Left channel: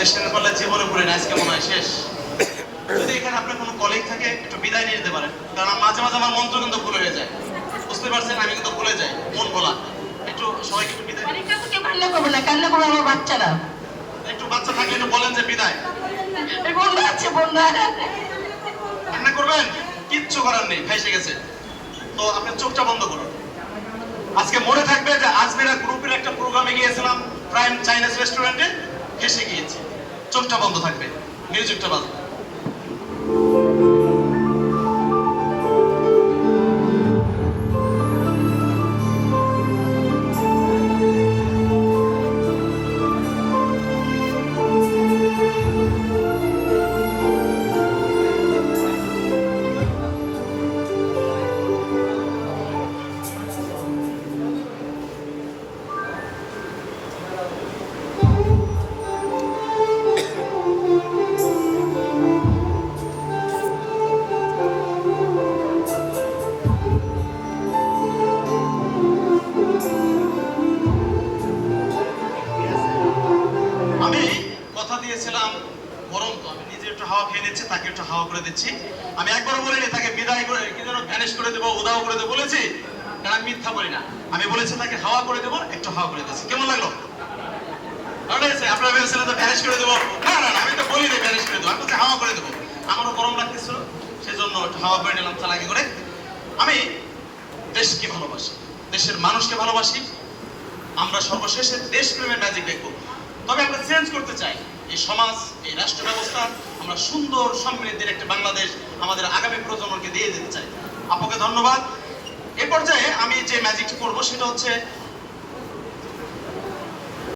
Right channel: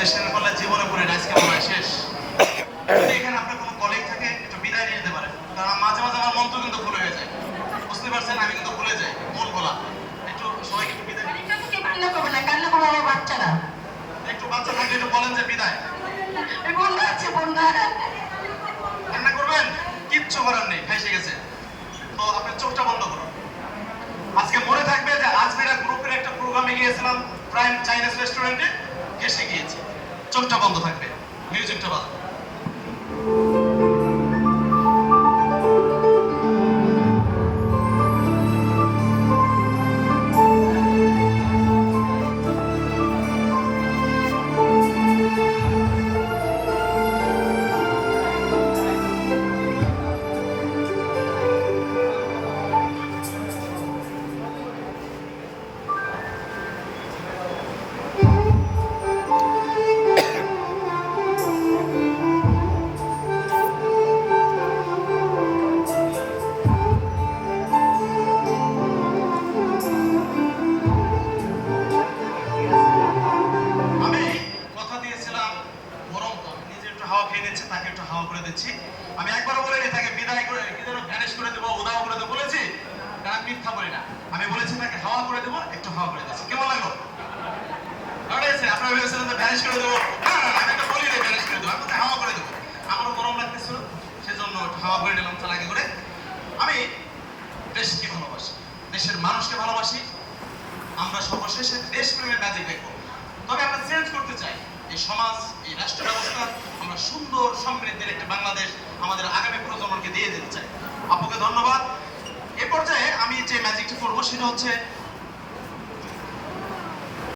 Registration করলে জীবনে পড়ে না, আজকে মনে হয় শেষ। যদি এখানে আপনার কোনো কলিগ থাকে একটু বিদায় নিয়ে যেতে পারেন, কারণ মাঝে মাঝে আমার মন্ত্র কিন্তু ভুলে হয়ে যায়, বুঝতে পারছেন, আমি কিন্তু ভুলে যাই মন বলা। একটু সবাইকে একটু বিদায় কান্না করবে না, কান্না করবে আমার বাচ্চারা। একটু বাচ্চা থাকলে একটু বলেন যে বিদায়। বন্যা আছে, বন্যা। কান্না করবেন, কিচ্ছু করার নেই, ফেসে গেছে। তো আপনি চোখটা বন্ধ করুন। আজকে মনে থাকবে যে আজমিরা গ্রুপের একটা প্রোগ্রামে গিয়েছিলাম, প্রাইম চাইনিজ রেস্টুরেন্টে, ফেসে গিয়েছে। চোখটা বন্ধ থাকবে, মিউজিকটা বাজবে। আমি একবারও বলিনি তাকে বিদায় করে কি যেন ভ্যানিশ করে দেবো, উদাও করে দেবো বলেছি, কারণ আমি মিথ্যা বলি না। আমি বলেছি তাকে হাওয়া করে দেবো, একটু হাওয়া করে দিয়েছি। কেমন লাগলো? আপনারা ভেবেছিলেন যে ভ্যানিশ করে দেবো, না না, আমি তো বলিনি ভ্যানিশ করে দেবো, আমি তো হাওয়া করে দেবো। আমারও গরম লাগতেছিল, সেজন্য একটু হাওয়া করে নিলাম চালাকি করে। আমি দেশকে ভালোবাসি, দেশের মানুষকে ভালোবাসি। আমরা সর্বশেষে দেশপ্রেমের ম্যাজিক দেখবো। তবে আমরা চেঞ্জ করতে চাই এই সমাজ, এই রাষ্ট্র ব্যবস্থা। আমরা সুন্দর সমৃদ্ধির একটা বাংলাদেশ আমাদের আগামী প্রজন্মকে দিয়ে দিতে চাই। আপনাকে ধন্যবাদ। এ পর্যায়ে আমি যে ম্যাজিকটা করবো সেটা হচ্ছে